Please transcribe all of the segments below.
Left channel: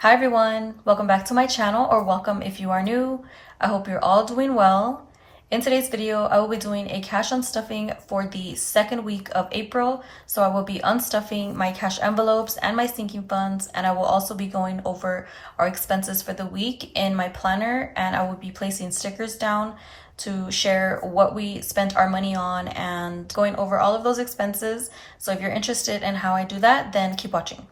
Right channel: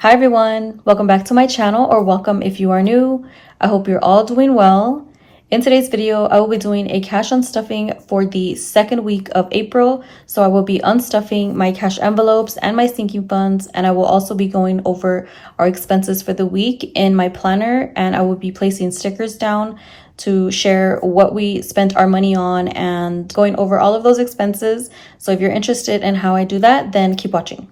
Hi everyone, welcome back to my channel, or welcome if you are new. I hope you're all doing well. In today's video, I will be doing a cash unstuffing for the second week of April. So I will be unstuffing my cash envelopes and my sinking funds, and I will also be going over our expenses for the week in my planner, and I will be placing stickers down to share what we spent our money on and going over all of those expenses. So if you're interested in how I do that, then keep watching.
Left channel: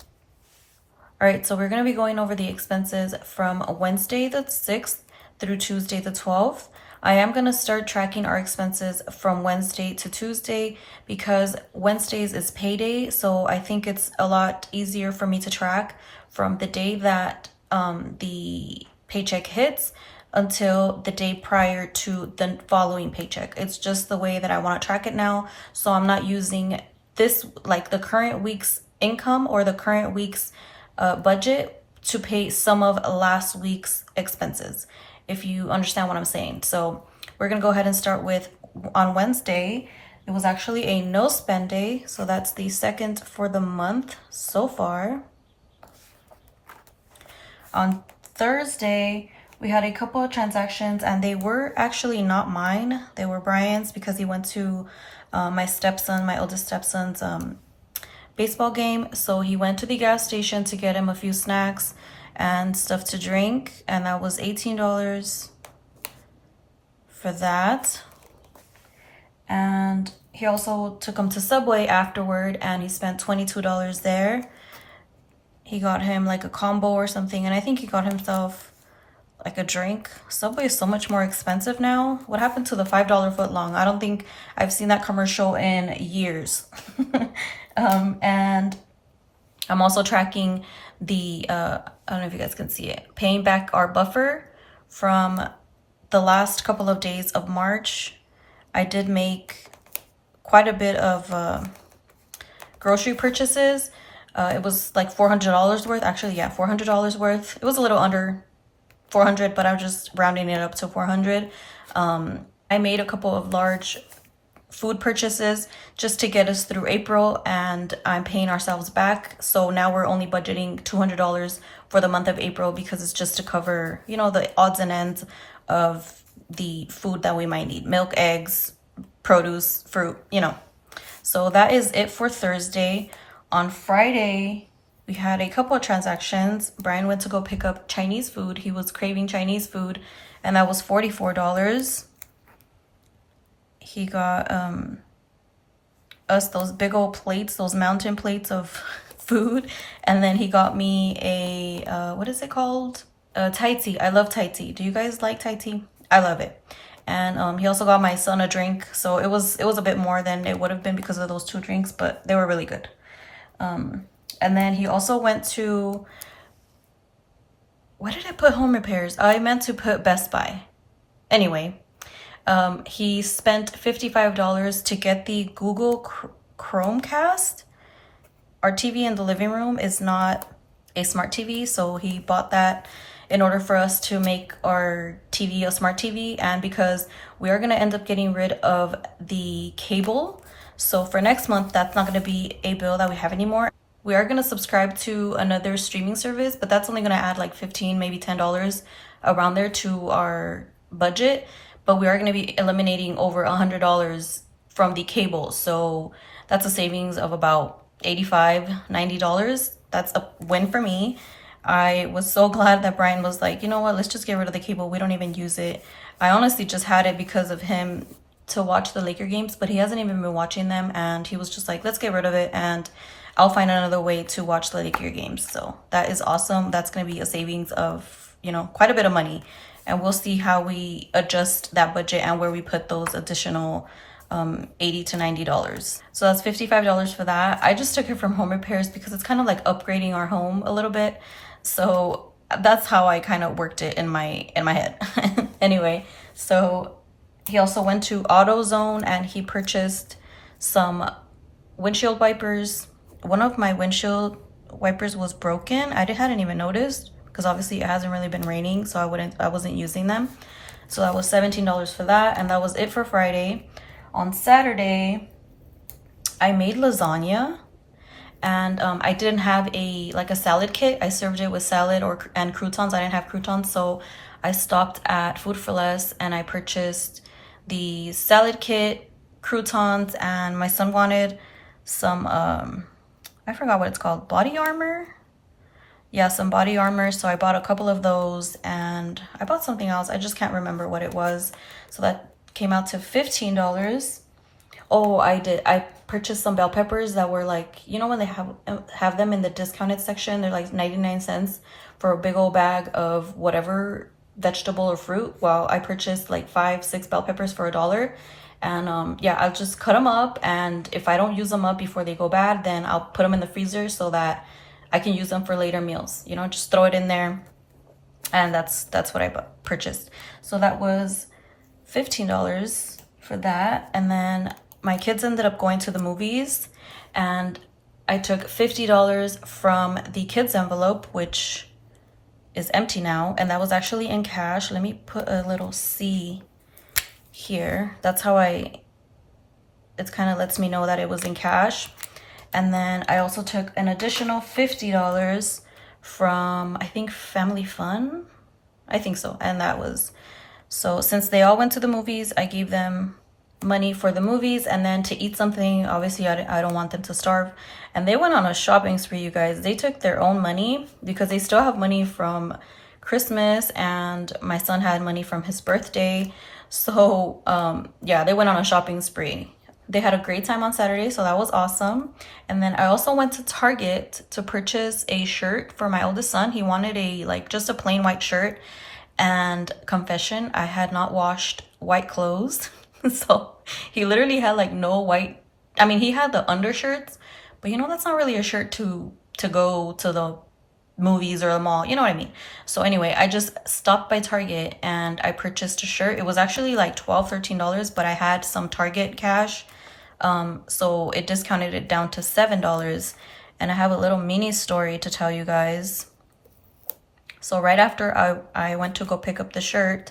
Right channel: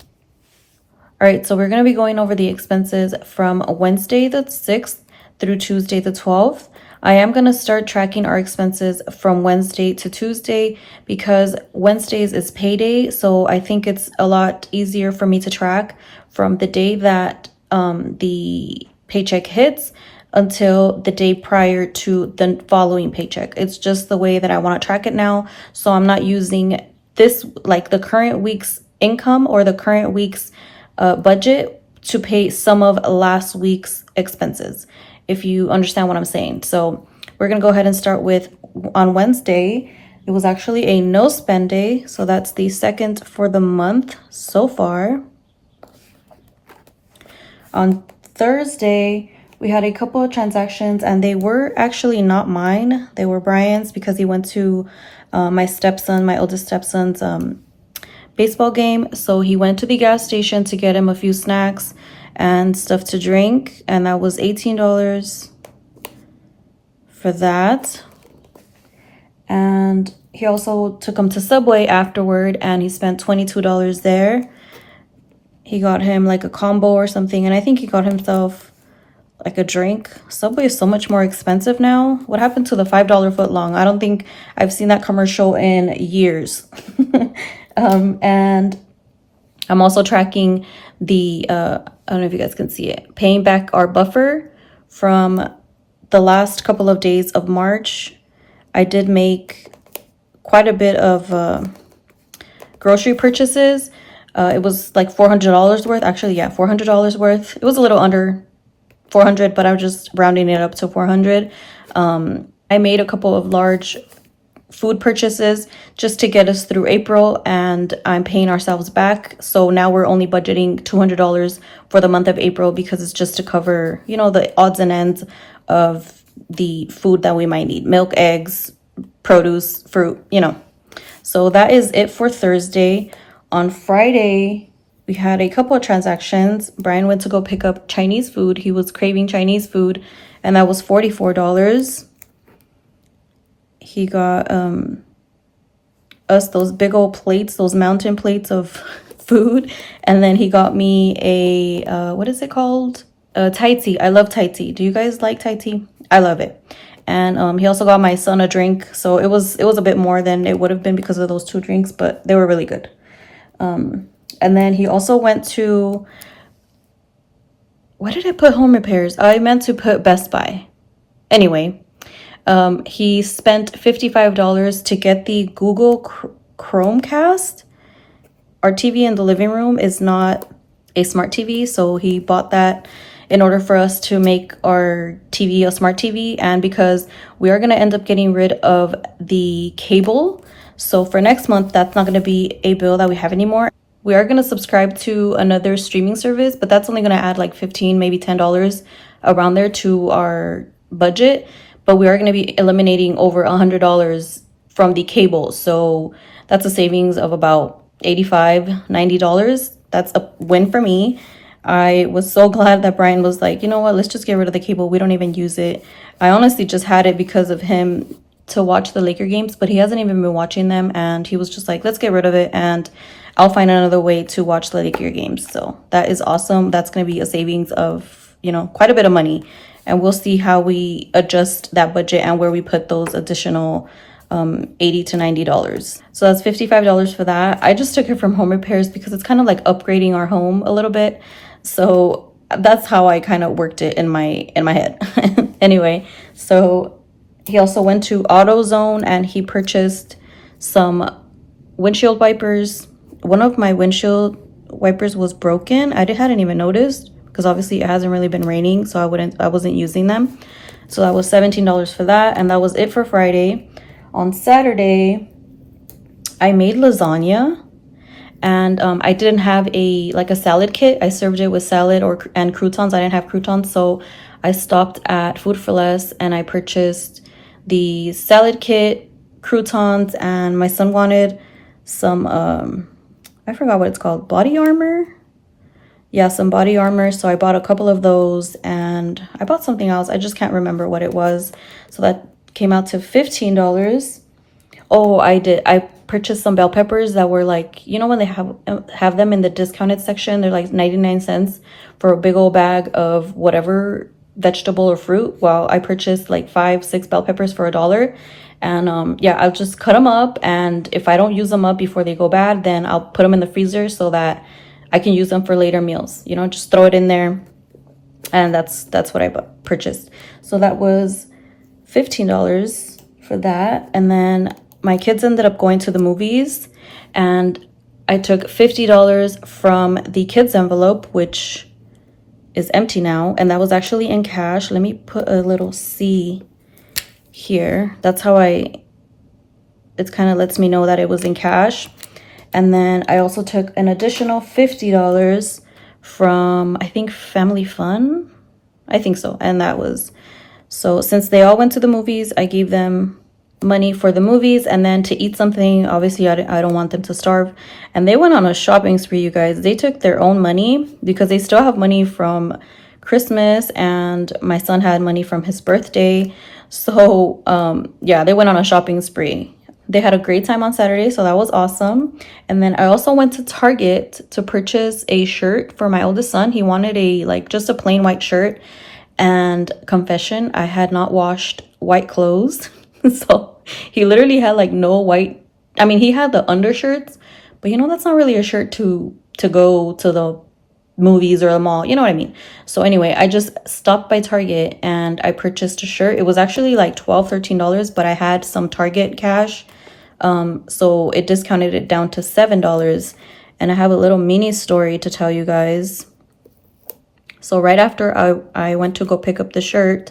All right, so we're going to be going over the expenses from Wednesday the 6th through Tuesday the 12th. I am going to start tracking our expenses from Wednesday to Tuesday because Wednesdays is payday. So I think it's a lot easier for me to track from the day that the paycheck hits until the day prior to the following paycheck. It's just the way that I want to track it now. So I'm not using this, like the current week's income or the current week's budget to pay some of last week's expenses, if you understand what I'm saying. So we're gonna go ahead and start with, on Wednesday, it was actually a no spend day. So that's the second for the month so far. On Thursday, we had a couple of transactions and they were actually not mine. They were Brian's because he went to my oldest stepson's baseball game. So he went to the gas station to get him a few snacks and stuff to drink, and that was $18 for that. And he also took him to Subway afterward and he spent $22 there. He got him like a combo or something, and I think he got himself like a drink. Subway is so much more expensive now. What happened to the $5 footlong? I don't think I've seen that commercial in years. And I'm also tracking the, I don't know if you guys can see it, paying back our buffer from the last couple of days of March. I did make quite a bit of grocery purchases. It was like $400 worth. Actually, yeah, $400 worth. It was a little under 400, but I was just rounding it up to 400. I made a couple of large food purchases just to get us through April, and I'm paying ourselves back. So now we're only budgeting $200 for the month of April because it's just to cover, you know, the odds and ends of the food that we might need. Milk, eggs, produce, fruit, you know. So that is it for Thursday. On Friday, we had a couple of transactions. Brian went to go pick up Chinese food. He was craving Chinese food, and that was $44. He got us those big old plates, those mountain plates of food. And then he got me a, what is it called? Thai tea. I love Thai tea. Do you guys like Thai tea? I love it. And he also got my son a drink. So it was a bit more than it would have been because of those two drinks, but they were really good. And then he also went to, what did I put home repairs? I meant to put Best Buy. Anyway, he spent $55 to get the Google Chromecast. Our TV in the living room is not a smart TV, so he bought that in order for us to make our TV a smart TV, and because we are going to end up getting rid of the cable. So for next month, that's not going to be a bill that we have anymore. We are going to subscribe to another streaming service, but that's only going to add like $15, maybe $10 around there to our budget. But we are going to be eliminating over $100 from the cable. So that's a savings of about $85, $90. That's a win for me. I was so glad that Brian was like, you know what, let's just get rid of the cable. We don't even use it. I honestly just had it because of him to watch the Laker games, but he hasn't even been watching them. And he was just like, let's get rid of it, and I'll find another way to watch the Laker games. So that is awesome. That's going to be a savings of, you know, quite a bit of money. And we'll see how we adjust that budget and where we put those additional $80 to $90. So that's $55 for that. I just took it from home repairs because it's kind of like upgrading our home a little bit. So that's how I kind of worked it in my head. Anyway, so he also went to AutoZone and he purchased some windshield wipers. One of my windshield wipers was broken. I hadn't even noticed, because obviously it hasn't really been raining, so I wasn't using them. So that was $17 for that, and that was it for Friday. On Saturday, I made lasagna, and I didn't have a salad kit. I served it with salad and croutons. I didn't have croutons, so I stopped at Food for Less and I purchased the salad kit, croutons, and my son wanted some I forgot what it's called, body armor. Yeah, some body armor. So I bought a couple of those, and I bought something else. I just can't remember what it was. So that came out to $15. Oh, I purchased some bell peppers that were like, you know, when they have them in the discounted section, they're like 99 cents for a big old bag of whatever vegetable or fruit. Well, I purchased like 5-6 bell peppers for $1. And yeah, I'll just cut them up, and if I don't use them up before they go bad, then I'll put them in the freezer so that I can use them for later meals. You know, just throw it in there, and that's what I purchased. So that was $15 for that. And then my kids ended up going to the movies, and I took $50 from the kids envelope, which is empty now, and that was actually in cash. Let me put a little C here. That's how it kind of lets me know that it was in cash. And then I also took an additional $50 from, I think, Family Fun. I think so. And that was, so since they all went to the movies, I gave them money for the movies, and then to eat something. Obviously, I don't want them to starve. And they went on a shopping spree, you guys. They took their own money because they still have money from Christmas, and my son had money from his birthday. So yeah, they went on a shopping spree. They had a great time on Saturday, so that was awesome. And then I also went to Target to purchase a shirt for my oldest son. He wanted just a plain white shirt. And confession, I had not washed white clothes. So he literally had like no white. I mean, he had the undershirts, but you know, that's not really a shirt to go to the movies or the mall. You know what I mean? So anyway, I just stopped by Target and I purchased a shirt. It was actually like $12-13, but I had some Target cash. So it discounted it down to $7. And I have a little mini story to tell you guys. So right after I went to go pick up the shirt,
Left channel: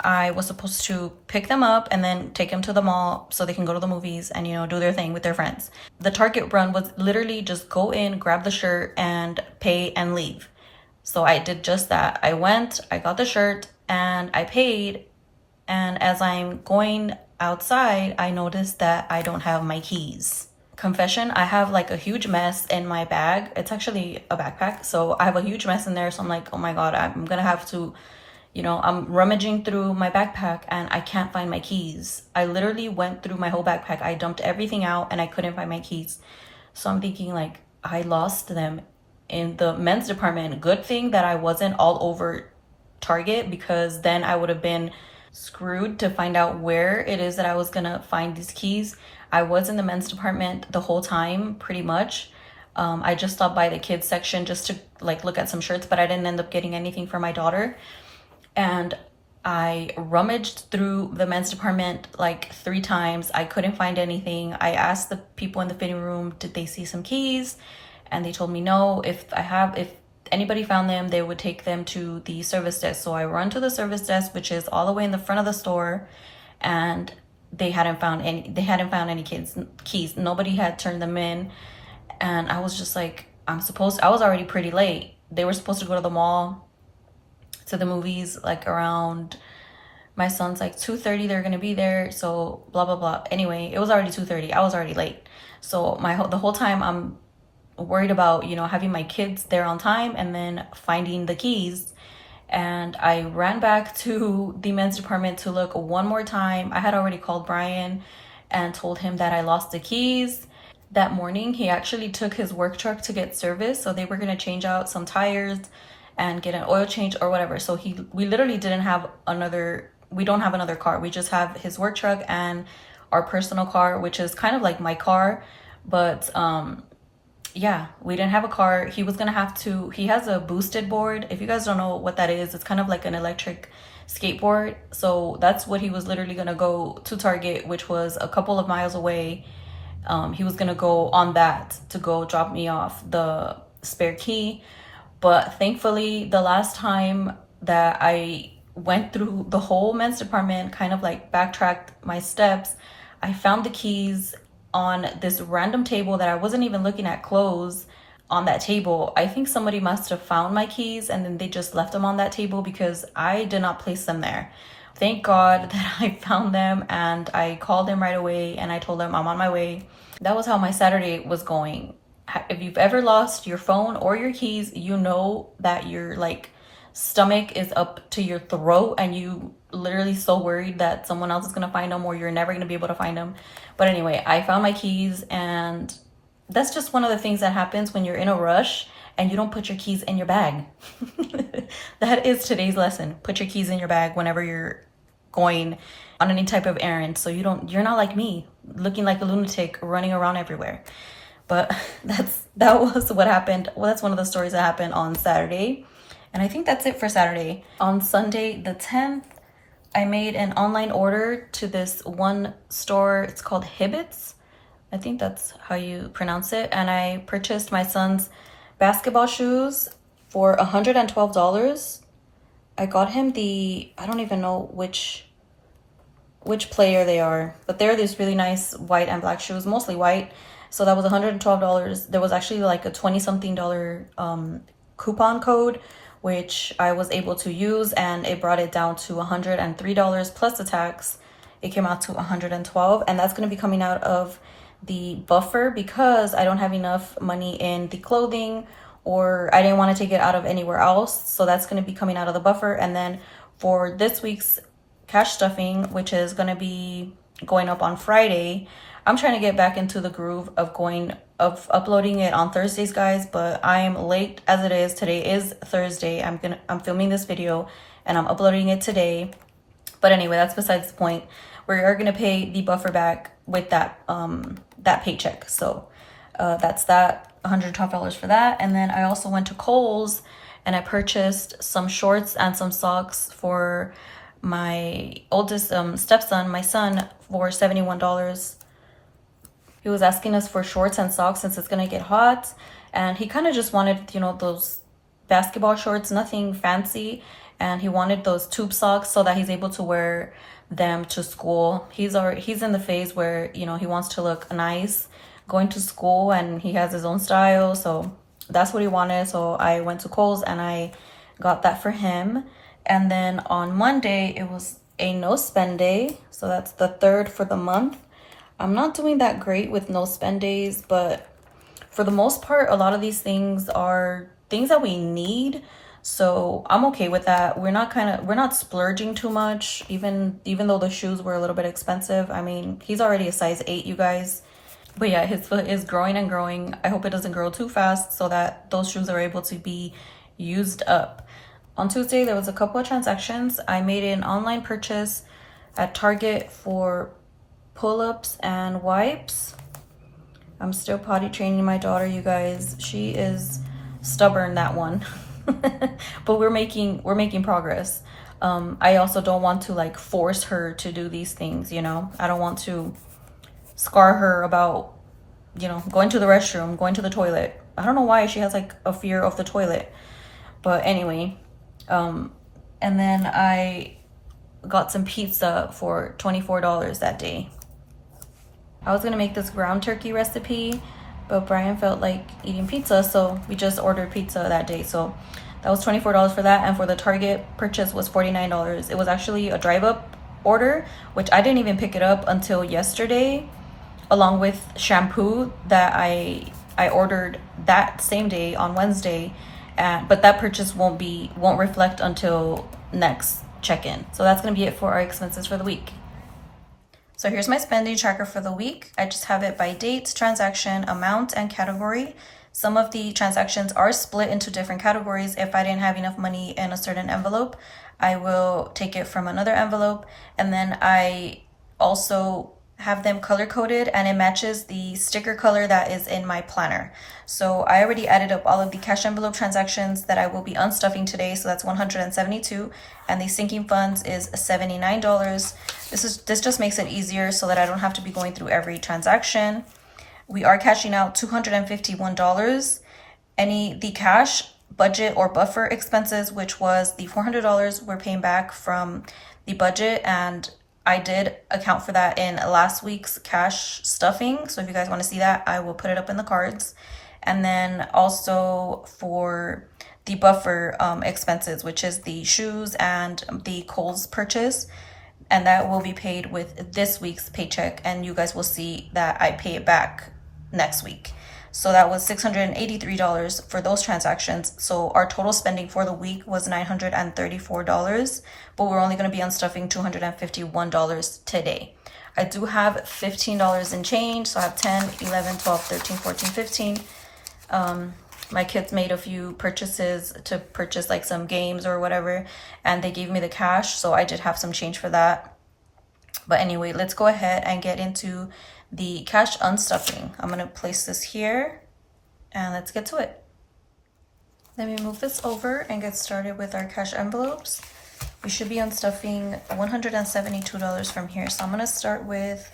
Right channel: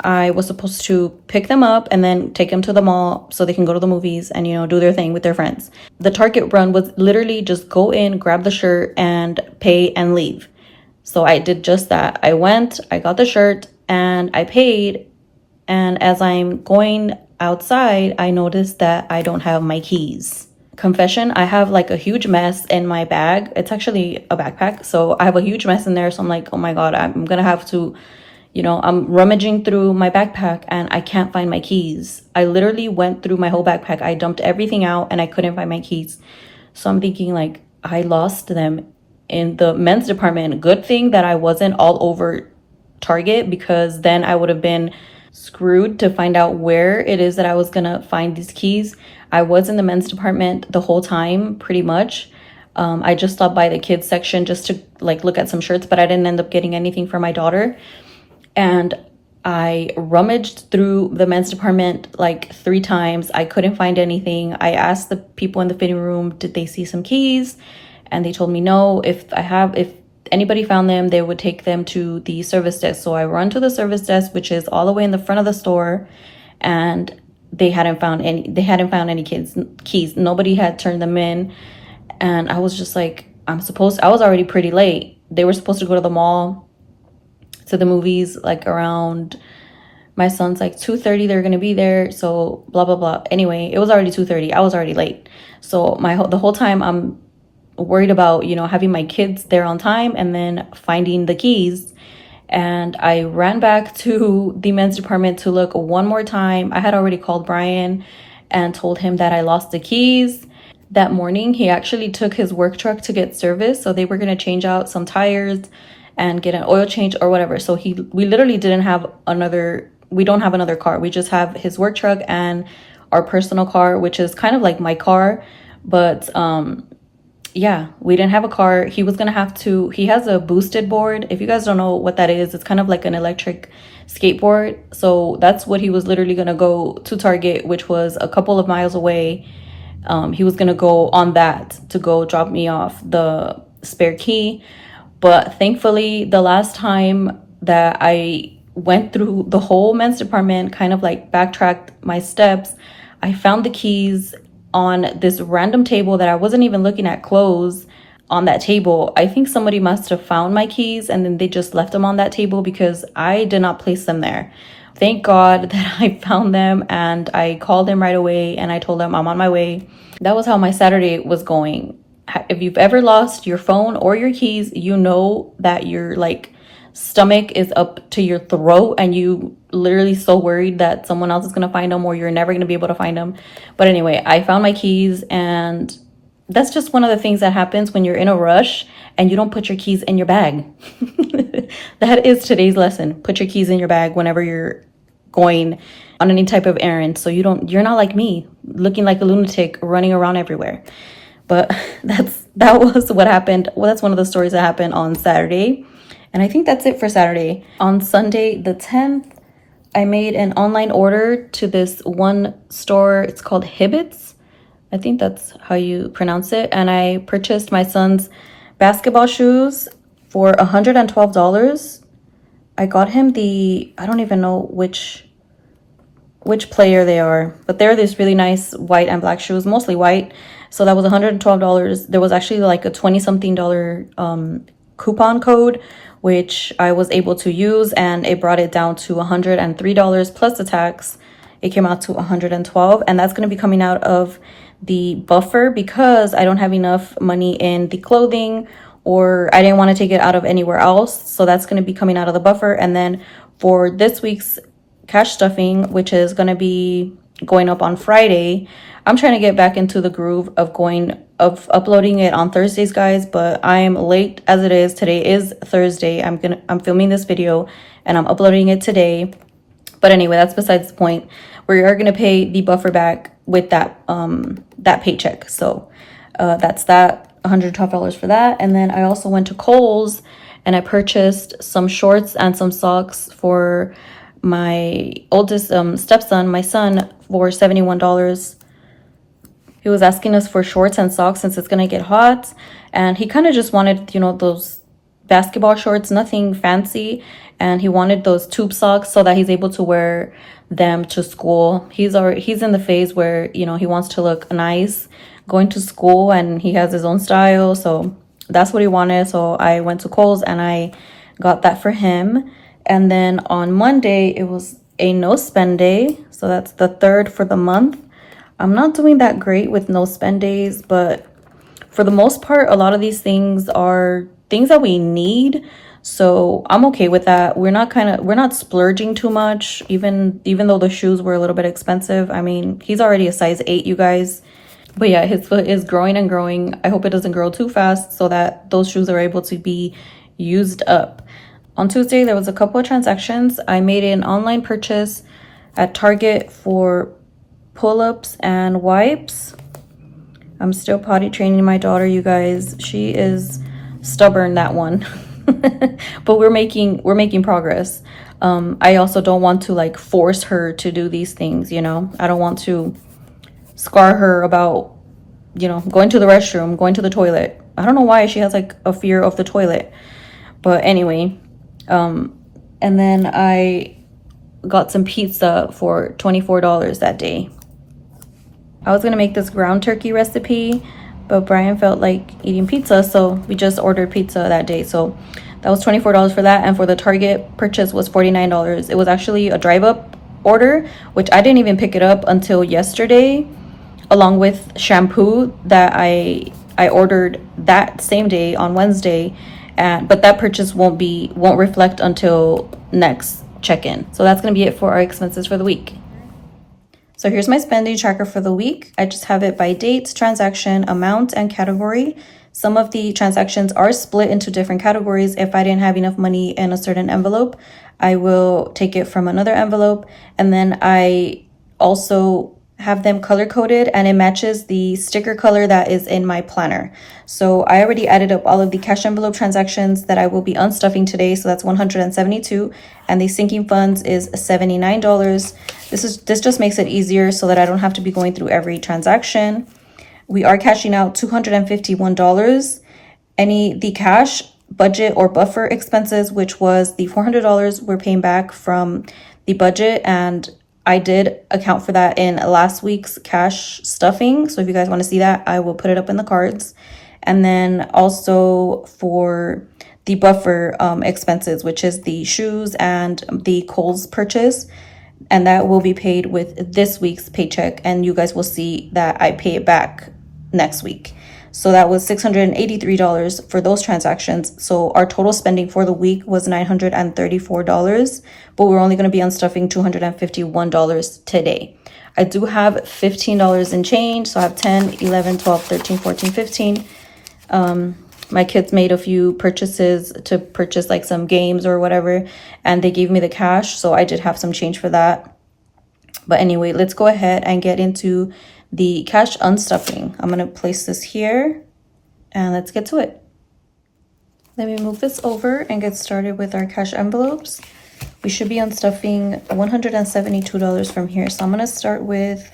I was supposed to pick them up and then take them to the mall so they can go to the movies and, you know, do their thing with their friends. The Target run was literally just go in, grab the shirt, and pay and leave. So I did just that. I went, I got the shirt, and I paid. And as I'm going outside, I noticed that I don't have my keys. Confession, I have like a huge mess in my bag. It's actually a backpack. So I have a huge mess in there. So I'm like, oh my God, I'm going to have to, you know, I'm rummaging through my backpack and I can't find my keys. I literally went through my whole backpack. I dumped everything out and I couldn't find my keys. So I'm thinking like, I lost them in the men's department. Good thing that I wasn't all over Target, because then I would have been screwed to find out where it is that I was gonna find these keys. I was in the men's department the whole time, pretty much. I just stopped by the kids section just to like look at some shirts, but I didn't end up getting anything for my daughter. And I rummaged through the men's department like 3 times. I couldn't find anything. I asked the people in the fitting room, did they see some keys? And they told me no. If anybody found them, they would take them to the service desk. So I run to the service desk, which is all the way in the front of the store, and they hadn't found any keys. Nobody had turned them in. And I was just like, I was already pretty late. They were supposed to go to the mall, to the movies, like around, my son's like 2:30, they're gonna be there, so blah blah blah. Anyway, it was already 2:30. I was already late. So the whole time I'm worried about, you know, having my kids there on time and then finding the keys. And I ran back to the men's department to look one more time. I had already called Brian and told him that I lost the keys. That morning, he actually took his work truck to get service. So they were going to change out some tires and get an oil change or whatever. So we literally we don't have another car. We just have his work truck and our personal car, which is kind of like my car. But yeah, we didn't have a car. He was gonna have to, he has a boosted board. If you guys don't know what that is, it's kind of like an electric skateboard. So that's what he was literally gonna go to Target, which was a couple of miles away. He was gonna go on that to go drop me off the spare key. But thankfully, the last time that I went through the whole men's department, kind of like backtracked my steps, I found the keys on this random table that I wasn't even looking at clothes on that table. I think somebody must have found my keys and then they just left them on that table because I did not place them there. Thank God that I found them, and I called him right away and I told him I'm on my way. That was how my Saturday was going. If you've ever lost your phone or your keys, you know that your like stomach is up to your throat and you literally so worried that someone else is going to find them or you're never going to be able to find them. But anyway, I found my keys, and that's just one of the things that happens when you're in a rush and you don't put your keys in your bag. That is today's lesson. Put your keys in your bag whenever you're going on any type of errand, so you're not like me looking like a lunatic running around everywhere. But that was what happened. Well, that's one of the stories that happened on Saturday. And I think that's it for Saturday. On Sunday the 10th, I made an online order to this one store. It's called Hibbets. I think that's how you pronounce it. And I purchased my son's basketball shoes for $112. I got him I don't even know which player they are, but they're this really nice white and black shoes, mostly white. So that was $112. There was actually like a 20-something dollar coupon code, which I was able to use, and it brought it down to $103 plus the tax. It came out to $112, and that's going to be coming out of the buffer because I don't have enough money in the clothing, or I didn't want to take it out of anywhere else. So that's going to be coming out of the buffer. And then for this week's cash stuffing, which is going to be going up on Friday, I'm trying to get back into the groove of uploading it on Thursdays, guys, but I'm late as it is. Today is Thursday. I'm filming this video and I'm uploading it today. But anyway, that's besides the point. We are going to pay the buffer back with that paycheck. So that's that, $112 for that. And then I also went to Kohl's and I purchased some shorts and some socks for my oldest stepson, my son, for $71. He was asking us for shorts and socks since it's gonna get hot, and he kind of just wanted, you know, those basketball shorts, nothing fancy, and he wanted those tube socks so that he's able to wear them to school. He's in the phase where, you know, he wants to look nice going to school, and he has his own style, so that's what he wanted. So I went to Kohl's and I got that for him. And then on Monday, it was a no spend day. So that's the 3rd for the month. I'm not doing that great with no spend days, but for the most part, a lot of these things are things that we need. So I'm okay with that. We're not splurging too much, even though the shoes were a little bit expensive. I mean, he's already a size 8, you guys. But yeah, his foot is growing and growing. I hope it doesn't grow too fast so that those shoes are able to be used up. On Tuesday, there was a couple of transactions. I made an online purchase at Target for pull-ups and wipes. I'm still potty training my daughter, you guys. She is stubborn, that one. But we're making progress. I also don't want to like force her to do these things, you know. I don't want to scar her about, you know, going to the restroom, going to the toilet. I don't know why she has like a fear of the toilet. But anyway, and then I got some pizza for $24 that day. I was gonna make this ground turkey recipe, but Brian felt like eating pizza, so we just ordered pizza that day. So that was $24 for that, and for the Target purchase was $49. It was actually a drive-up order, which I didn't even pick it up until yesterday, along with shampoo that I ordered that same day on Wednesday, but that purchase won't reflect until next check-in. So that's gonna be it for our expenses for the week. So here's my spending tracker for the week. I just have it by date, transaction, amount, and category. Some of the transactions are split into different categories. If I didn't have enough money in a certain envelope, I will take it from another envelope. And then I also have them color coded, and it matches the sticker color that is in my planner. So I already added up all of the cash envelope transactions that I will be unstuffing today. So that's 172, and the sinking funds is $79. This just makes it easier so that I don't have to be going through every transaction. We are cashing out $251. The cash budget or buffer expenses, which was the $400, we're paying back from the budget, and I did account for that in last week's cash stuffing. So if you guys want to see that, I will put it up in the cards. And then also for the buffer expenses, which is the shoes and the Kohl's purchase. And that will be paid with this week's paycheck. And you guys will see that I pay it back next week. So that was $683 for those transactions. So our total spending for the week was $934, but we're only going to be unstuffing $251 today. I do have $15 in change. So I have 10, 11, 12, 13, 14, 15. My kids made a few purchases to purchase like some games or whatever, and they gave me the cash. So I did have some change for that. But anyway, let's go ahead and get into the cash unstuffing. I'm going to place this here and let's get to it. Let me move this over and get started with our cash envelopes. We should be unstuffing $172 from here. So I'm going to start with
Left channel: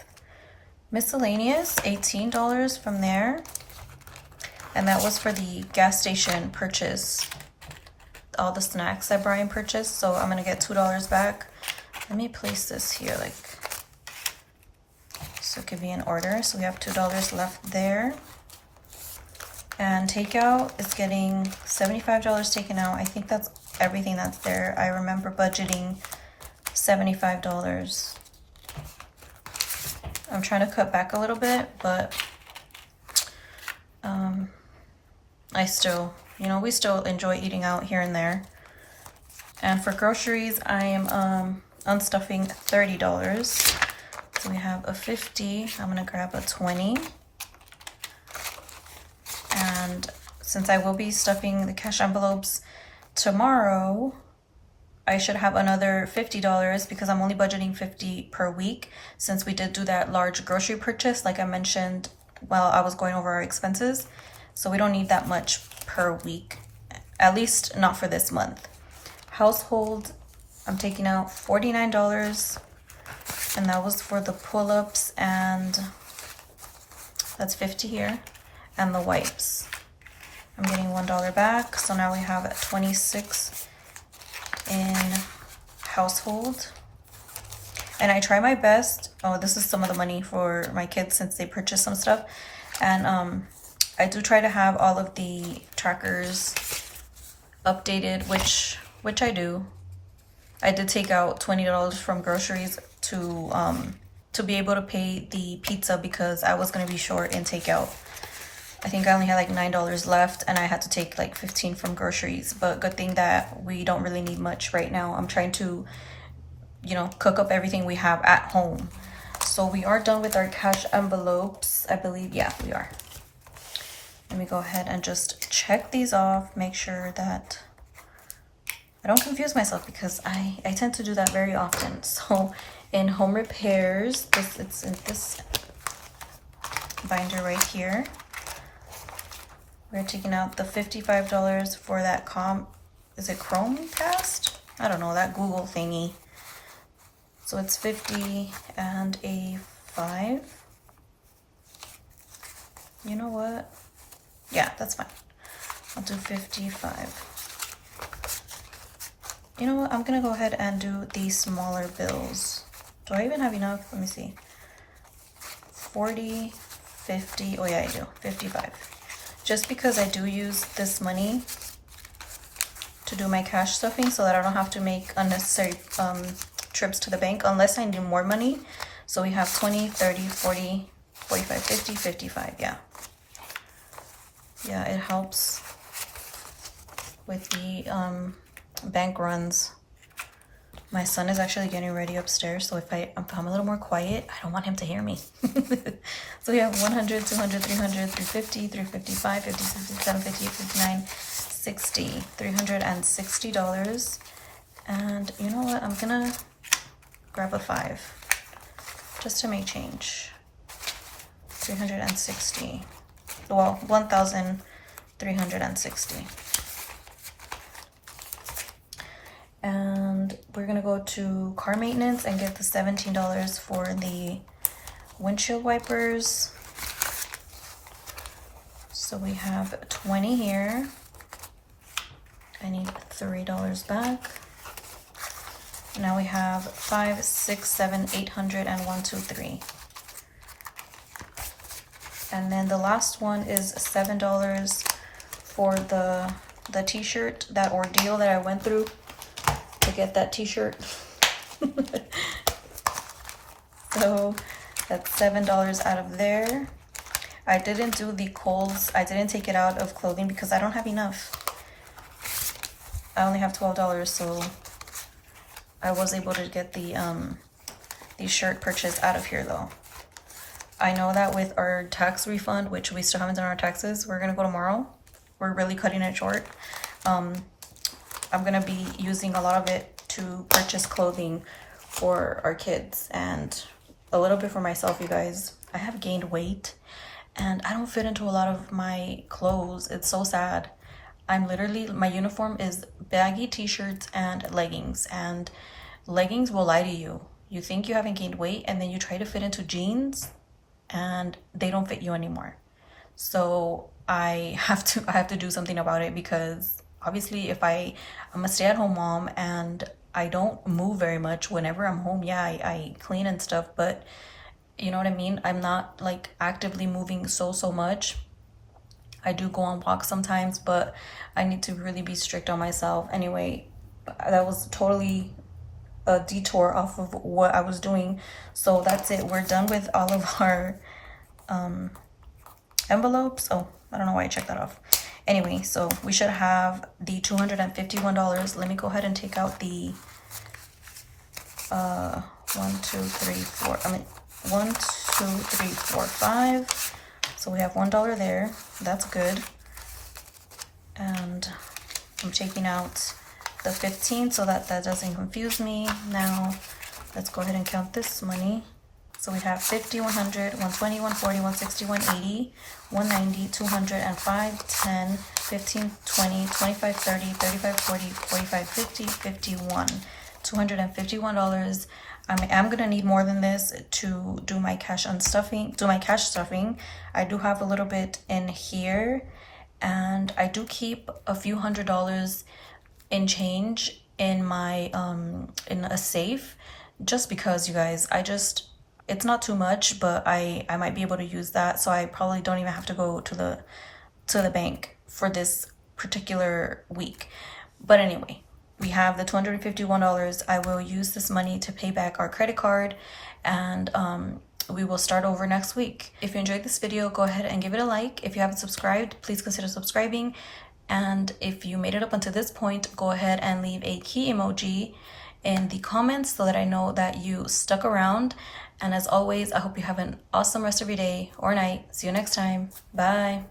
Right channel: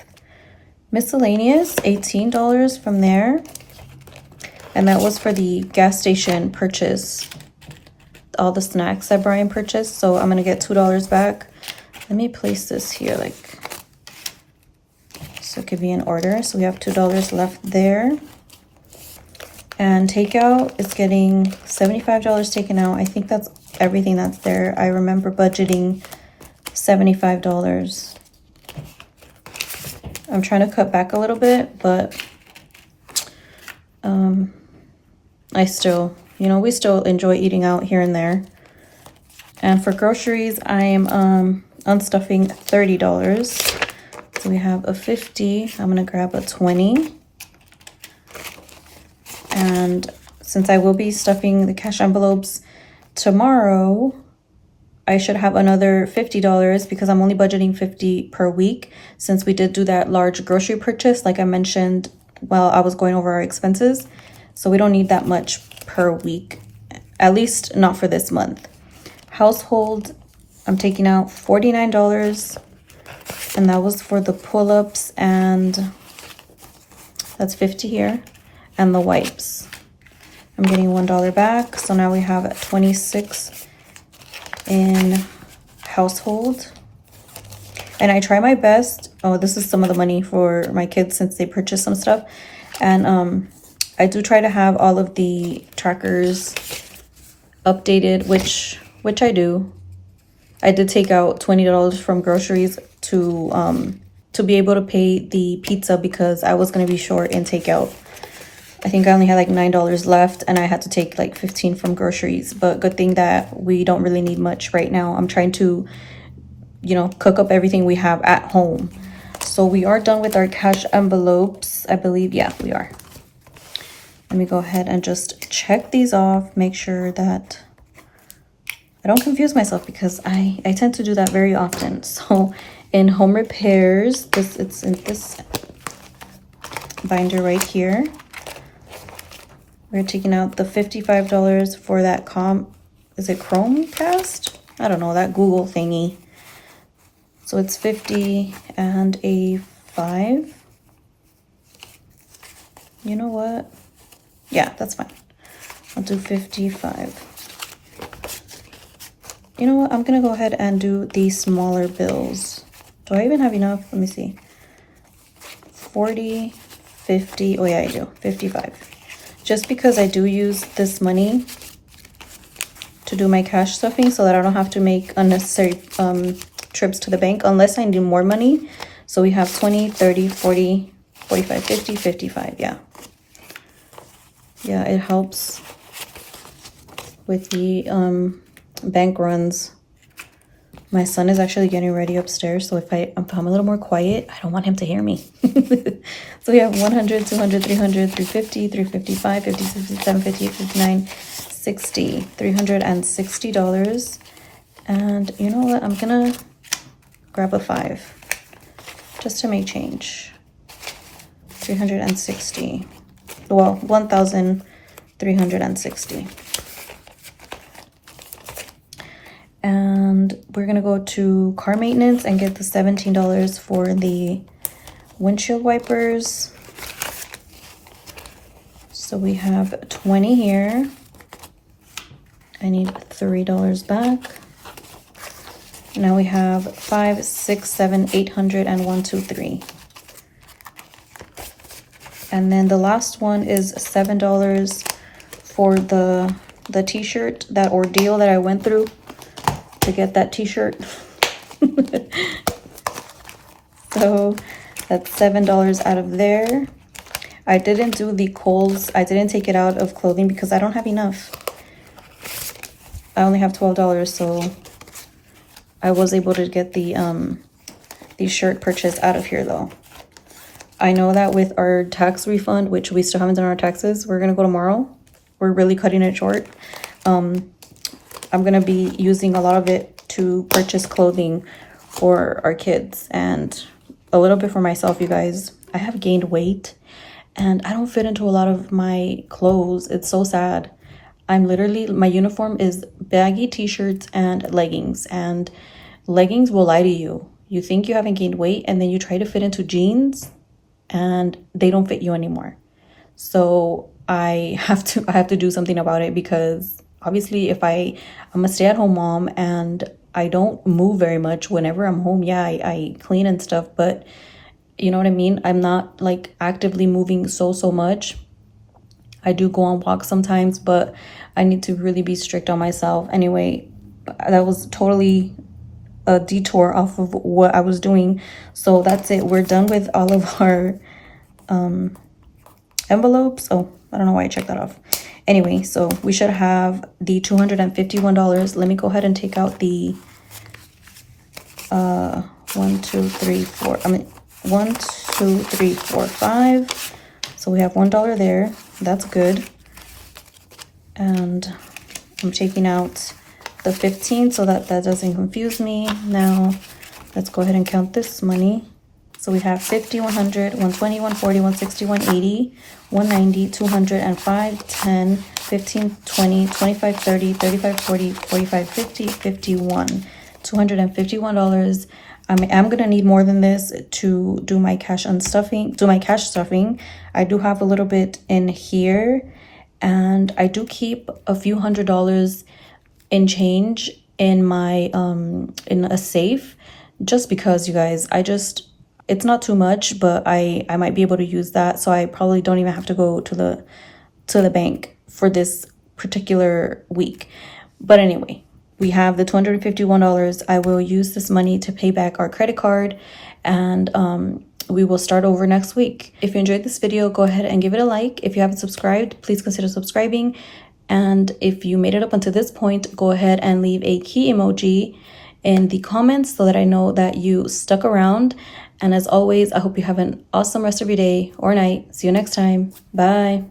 miscellaneous, $18 from there. And that was for the gas station purchase, all the snacks that Brian purchased. So I'm going to get $2 back. Let me place this here like so it could be in order. So we have $2 left there. And takeout is getting $75 taken out. I think that's everything that's there. I remember budgeting $75. I'm trying to cut back a little bit, but I still, you know, we still enjoy eating out here and there. And for groceries, I am unstuffing $30. So we have a 50. I'm gonna grab a 20. And since I will be stuffing the cash envelopes tomorrow, I should have another $50 because I'm only budgeting $50 per week since we did do that large grocery purchase like I mentioned while I was going over our expenses. So we don't need that much per week, at least not for this month. Household, I'm taking out $49, and that was for the pull-ups, and that's 50 here, and the wipes. I'm getting $1 back, so now we have 26 in household. And I try my best. Oh, this is some of the money for my kids since they purchased some stuff. And I do try to have all of the trackers updated, which I do. I did take out $20 from groceries to be able to pay the pizza because I was going to be short in takeout. I think I only had like $9 left and I had to take like 15 from groceries, but good thing that we don't really need much right now. I'm trying to, you know, cook up everything we have at home. So we are done with our cash envelopes, I believe. Yeah, we are. Let me go ahead and just check these off, make sure that I don't confuse myself because I tend to do that very often. So in home repairs, it's in this binder right here. We're taking out the $55 for that is it Chromecast? I don't know, that Google thingy. So it's 50 and a 5. You know what? Yeah, that's fine. I'll do 55. You know what? I'm going to go ahead and do these smaller bills. Do I even have enough? Let me see. 40, 50. Oh, yeah, I do. 55. Just because I do use this money to do my cash stuffing so that I don't have to make unnecessary trips to the bank unless I need more money. So we have 20, 30, 40, 45, 50, 55. Yeah. Yeah, it helps with the bank runs. My son is actually getting ready upstairs, so if I'm a little more quiet, I don't want him to hear me. So we have 100, 200, 300, 350, 355, 50, 57, 58, 59, 60, $360. And you know what? I'm gonna grab a 5 just to make change. 360. Well, 1,360. And we're gonna go to car maintenance and get the $17 for the windshield wipers. So we have 20 here. I need $3 back. Now we have 5, 6, 7, 800, and 1, 2, 3. And then the last one is $7 for the t-shirt, that ordeal that I went through to get that t-shirt. So that's $7 out of there. I didn't do the Kohl's. I didn't take it out of clothing because I don't have enough. I only have $12, so I was able to get the shirt purchase out of here though. I know that with our tax refund, which we still haven't done our taxes, we're gonna go tomorrow. We're really cutting it short. I'm gonna be using a lot of it to purchase clothing for our kids and a little bit for myself, you guys. I have gained weight and I don't fit into a lot of my clothes. It's so sad. I'm literally, my uniform is baggy t-shirts and leggings will lie to you. You think you haven't gained weight and then you try to fit into jeans and they don't fit you anymore. So I have to do something about it, because obviously if I'm a stay-at-home mom and I don't move very much whenever I'm home. Yeah, I clean and stuff, but you know what I mean? I'm not like actively moving so much. I do go on walks sometimes, but I need to really be strict on myself. Anyway, that was totally a detour off of what I was doing. So that's it. We're done with all of our envelopes. Oh, I don't know why I checked that off. Anyway, so we should have the $251. Let me go ahead and take out the 1, 2, 3, 4. I mean 1, 2, 3, 4, 5. So we have $1 there. That's good. And I'm taking out the 15 so that doesn't confuse me. Now let's go ahead and count this money. So we have 50, 100, 120, 140, 160, 180, 190, 200, and 5, 10, 15, 20, 25, 30, 35, 40, 45, 50, 51. $251. I'm gonna need more than this to do my cash stuffing. I do have a little bit in here, and I do keep a few $100s in change in my in a safe, just because, you guys, it's not too much, but I might be able to use that, so I probably don't even have to go to the bank for this particular week. But anyway, we have the $251. I will use this money to pay back our credit card, and we will start over next week. If you enjoyed this video, go ahead and give it a like. If you haven't subscribed, please consider subscribing. And if you made it up until this point, go ahead and leave a key emoji in the comments so that I know that you stuck around. And as always, I hope you have an awesome rest of your day or night. See you next time. Bye.